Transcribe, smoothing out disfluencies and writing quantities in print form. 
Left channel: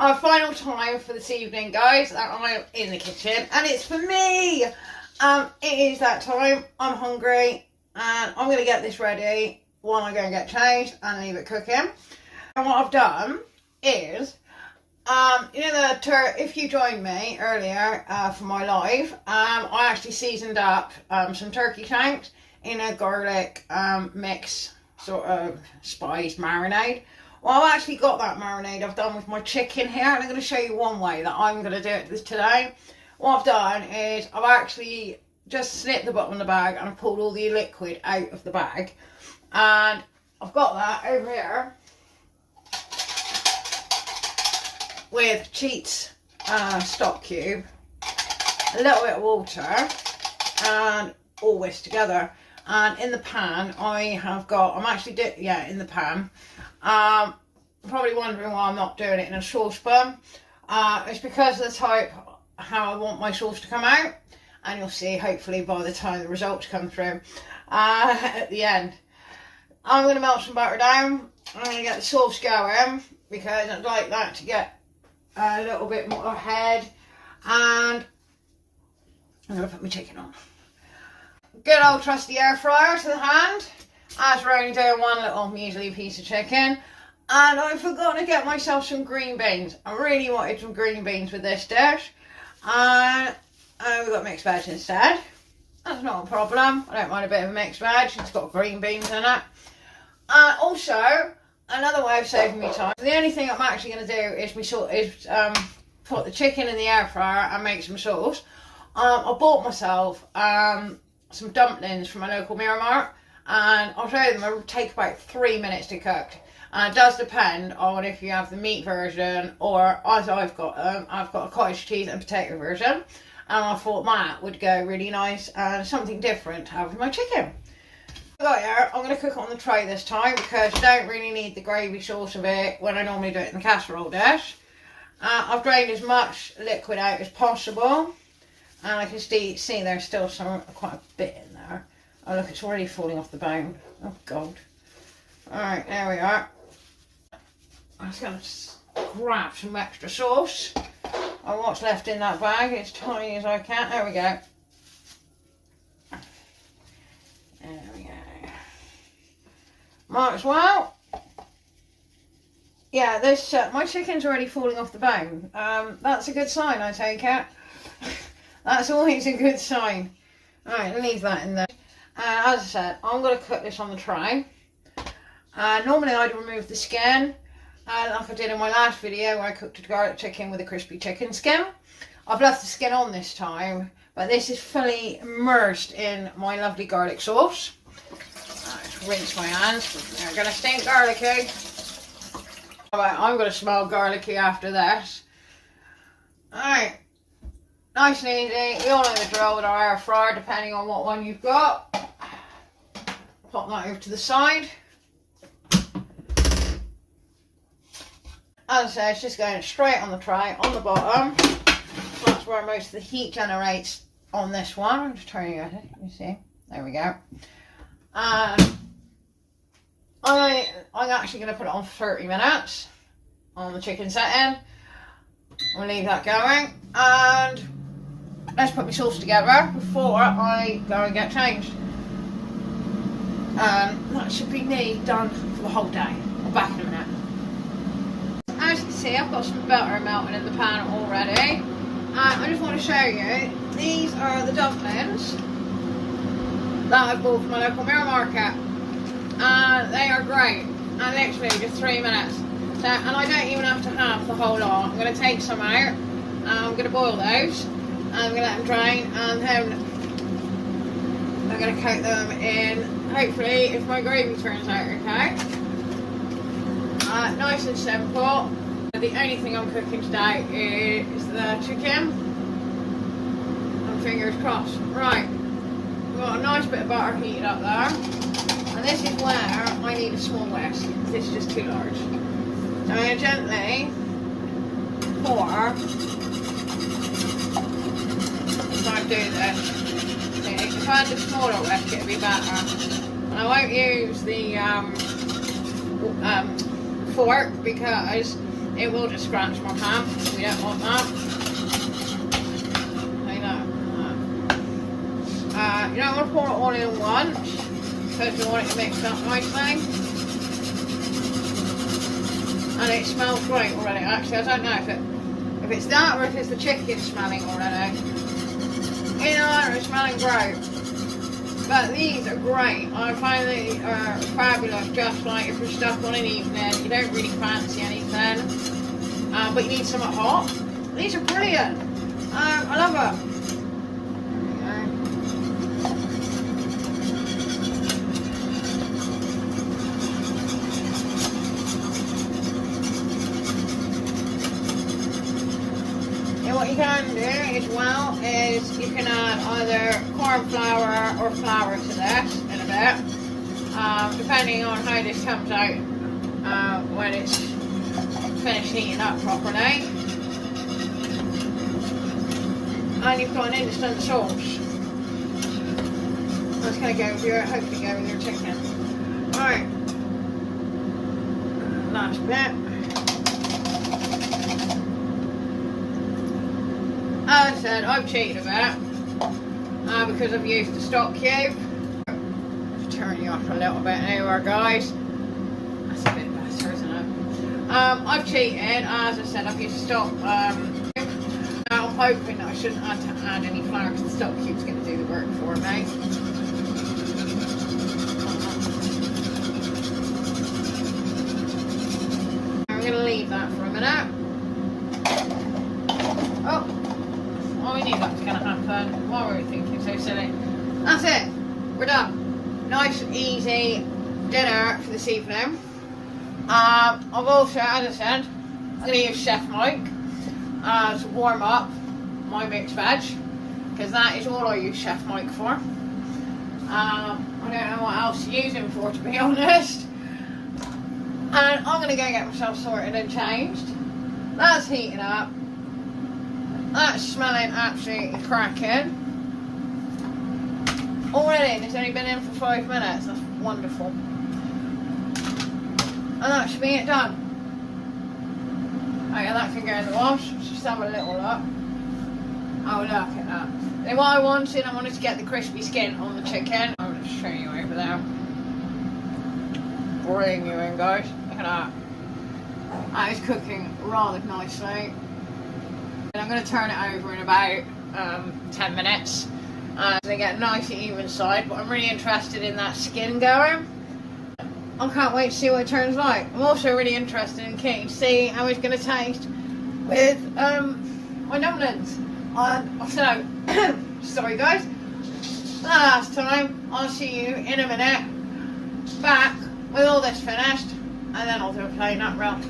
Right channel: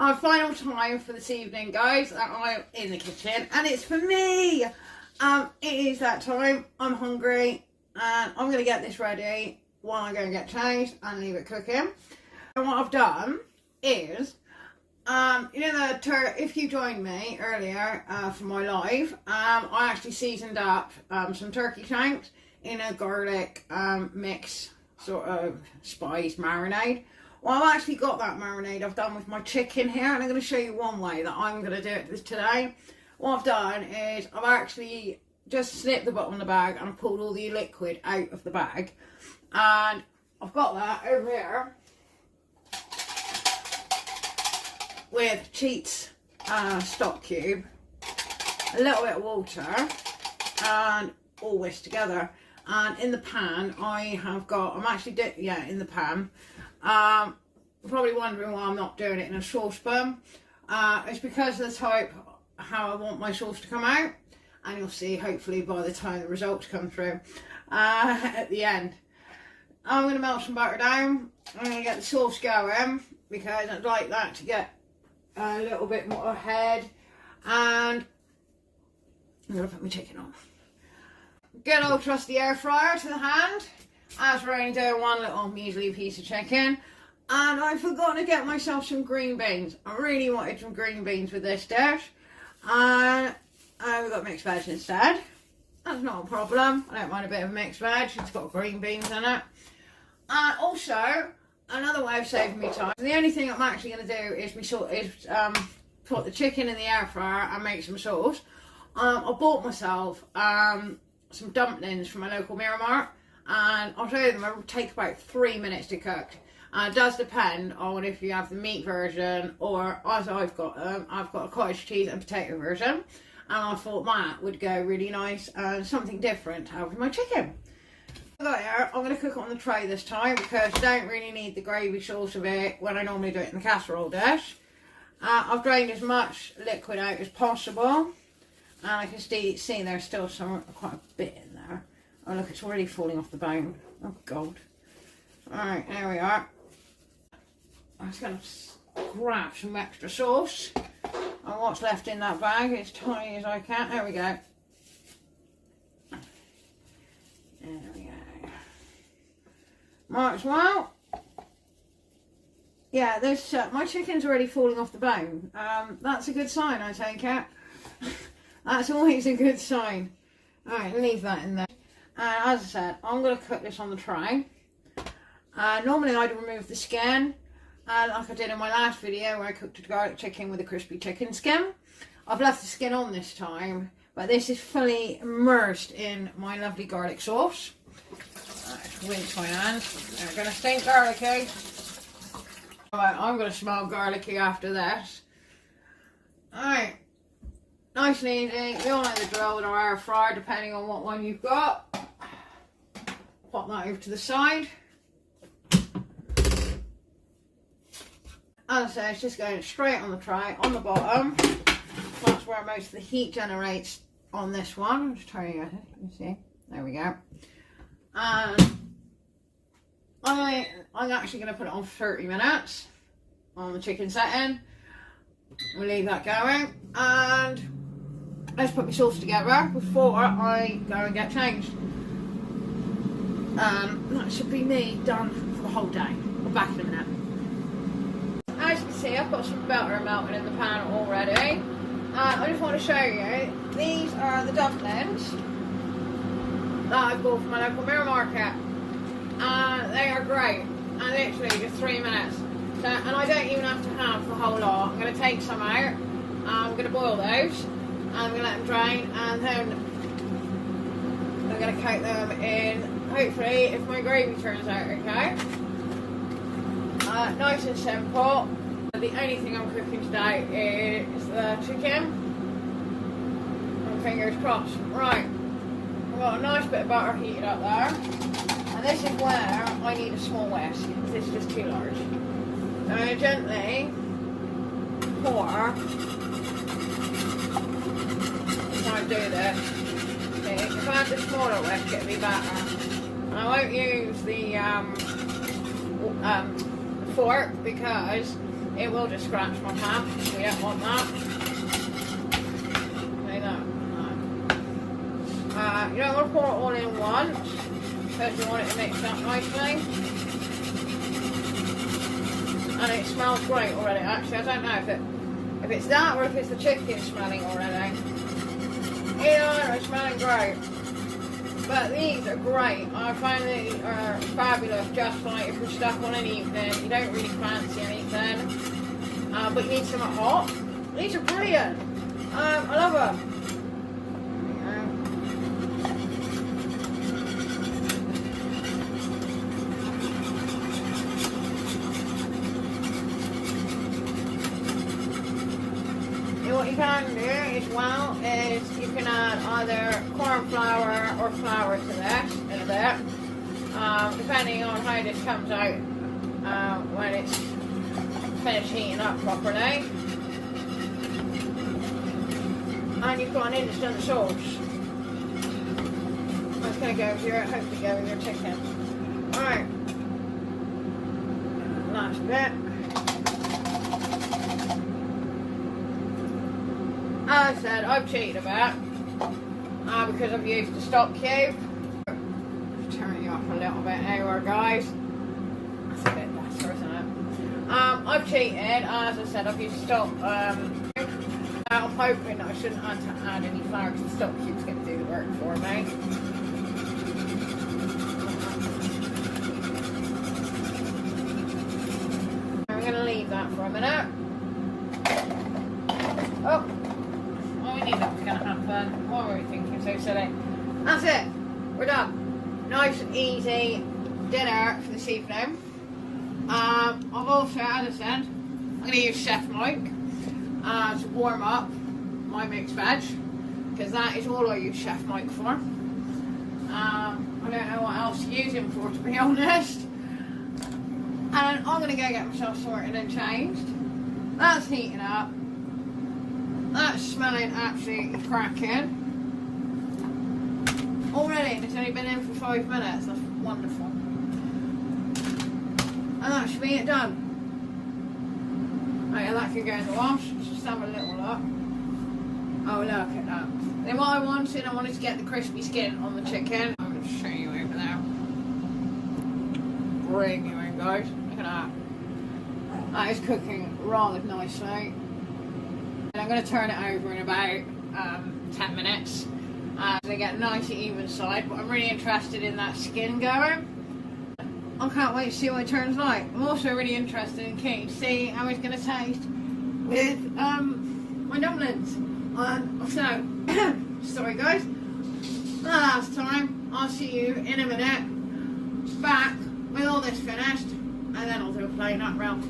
Our final time for this evening, guys, that I'm in the kitchen, and it's for me. It is that time. I'm hungry, and I'm going to get this ready while I go and get changed and leave it cooking. And what I've done is, if you joined me earlier for my live, I actually seasoned up some turkey shanks in a garlic mix, sort of spiced marinade. Well, I've actually got that marinade I've done with my chicken here, and I'm going to show you one way that I'm going to do it today. What I've done is I've actually just snipped the bottom of the bag and I've pulled all the liquid out of the bag, and I've got that over here with Cheats stock cube, a little bit of water, and all this together. And in the pan I have got, in the pan. Probably wondering why I'm not doing it in a saucepan. It's because of the type how I want my sauce to come out, and you'll see hopefully by the time the results come through at the end. I'm going to melt some butter down. I'm going to get the sauce going because I'd like that to get a little bit more ahead, and I'm going to put my chicken on. Good old trusty air fryer to the hand, as we're only doing one little measly piece of chicken. And I forgot to get myself some green beans. I really wanted some green beans with this dish, and we got mixed veg instead. That's not a problem. I don't mind a bit of mixed veg. It's got green beans in it. Also, another way of saving me time. The only thing I'm actually going to do is put the chicken in the air fryer and make some sauce. I bought myself some dumplings from my local Mirror Mart, and I'll show you them. It'll take about 3 minutes to cook. It does depend on if you have the meat version, or as I've got a cottage cheese and potato version, and I thought that would go really nice and something different to have with my chicken. Here, I'm going to cook it on the tray this time because you don't really need the gravy sauce of it when I normally do it in the casserole dish. I've drained as much liquid out as possible, and I can see there's still quite a bit in there. Oh look, it's already falling off the bone. Oh god. Alright, there we are. I'm just going to grab some extra sauce. And what's left in that bag, as tiny as I can. There we go. There we go. Might as well. Yeah, this my chicken's already falling off the bone. That's a good sign, I take it. That's always a good sign. Alright, leave that in there. As I said, I'm going to cook this on the tray. Normally I'd remove the skin, like I did in my last video where I cooked a garlic chicken with a crispy chicken skin. I've left the skin on this time, but this is fully immersed in my lovely garlic sauce. Rinse my hands. They're going to stink garlicky. I'm going to smell garlicky after this. Alright. Nice and easy. You all know the drill with our air fryer, depending on what one you've got. Pop that over to the side. As I say, it's just going straight on the tray, on the bottom. That's where most of the heat generates on this one. I'm just turning it, you see. There we go. I'm actually going to put it on for 30 minutes on the chicken setting. We'll leave that going, and let's put my sauce together before I go and get changed. That should be me done for the whole day. I'll be back in a minute. As you can see, I've got some butter melted in the pan already. I just want to show you, these are the dumplings that I bought from my local Mirror Market. They are great, and literally just 3 minutes. So, and I don't even have to have the whole lot. I'm going to take some out, and I'm going to boil those, and I'm going to let them drain, and then I'm going to coat them in, hopefully, if my gravy turns out okay. Nice and simple. The only thing I'm cooking today is the chicken, and fingers crossed. Right, we've got a nice bit of butter heated up there, and this is where I need a small whisk, because this is just too large. I'm going to gently pour, if I do this, if I had the smaller whisk it would be better. And I won't use the fork because it will just scratch my pan. We don't want that. Okay, no. You don't want to pour it all in once because we want it to mix up nicely. And it smells great already. Actually, I don't know if it's that or if it's the chicken smelling already. Either one, it's smelling great. But these are great. I find they are fabulous, just like if you're stuck on an evening, you don't really fancy anything, but you need something hot. These are brilliant. I love them. What you can do as well is you can add either corn flour or flour to this in a bit, depending on how this comes out when it's finished heating up properly. And you've got an instant sauce. That's going to go with your, hopefully go with your chicken. Alright, last bit. As I said, I've cheated a bit because I've used the stock cube. Turn you off a little bit now, guys. That's a bit better, isn't it? I've cheated. As I said, I've used stock. I'm hoping that I shouldn't have to add any flour because the stock cube's going to do the work for me. I'm going to leave that for a minute. Oh. I knew that was going to happen. Why were we thinking so silly? That's it. We're done. Nice and easy dinner for this evening. I've also, as I said, I'm going to use Chef Mike to warm up my mixed veg because that is all I use Chef Mike for. I don't know what else to use him for, to be honest. And I'm going to go get myself sorted and changed. That's heating up. That's smelling absolutely cracking. Already, and it's only been in for 5 minutes. That's wonderful. And that should be it done. Okay, that can go in the wash. Let's just have a little look. Oh, look at that. Then what I wanted to get the crispy skin on the chicken. I'm going to show you over there. Bring you in, guys. Look at that. That is cooking rather nicely. And I'm going to turn it over in about 10 minutes so they get a nice even side, but I'm really interested in that skin going. I can't wait to see what it turns like. I'm also really interested in keen to see how it's going to taste with my dumplings. So, sorry guys, last time, I'll see you in a minute back with all this finished and then I'll do a plain nut round.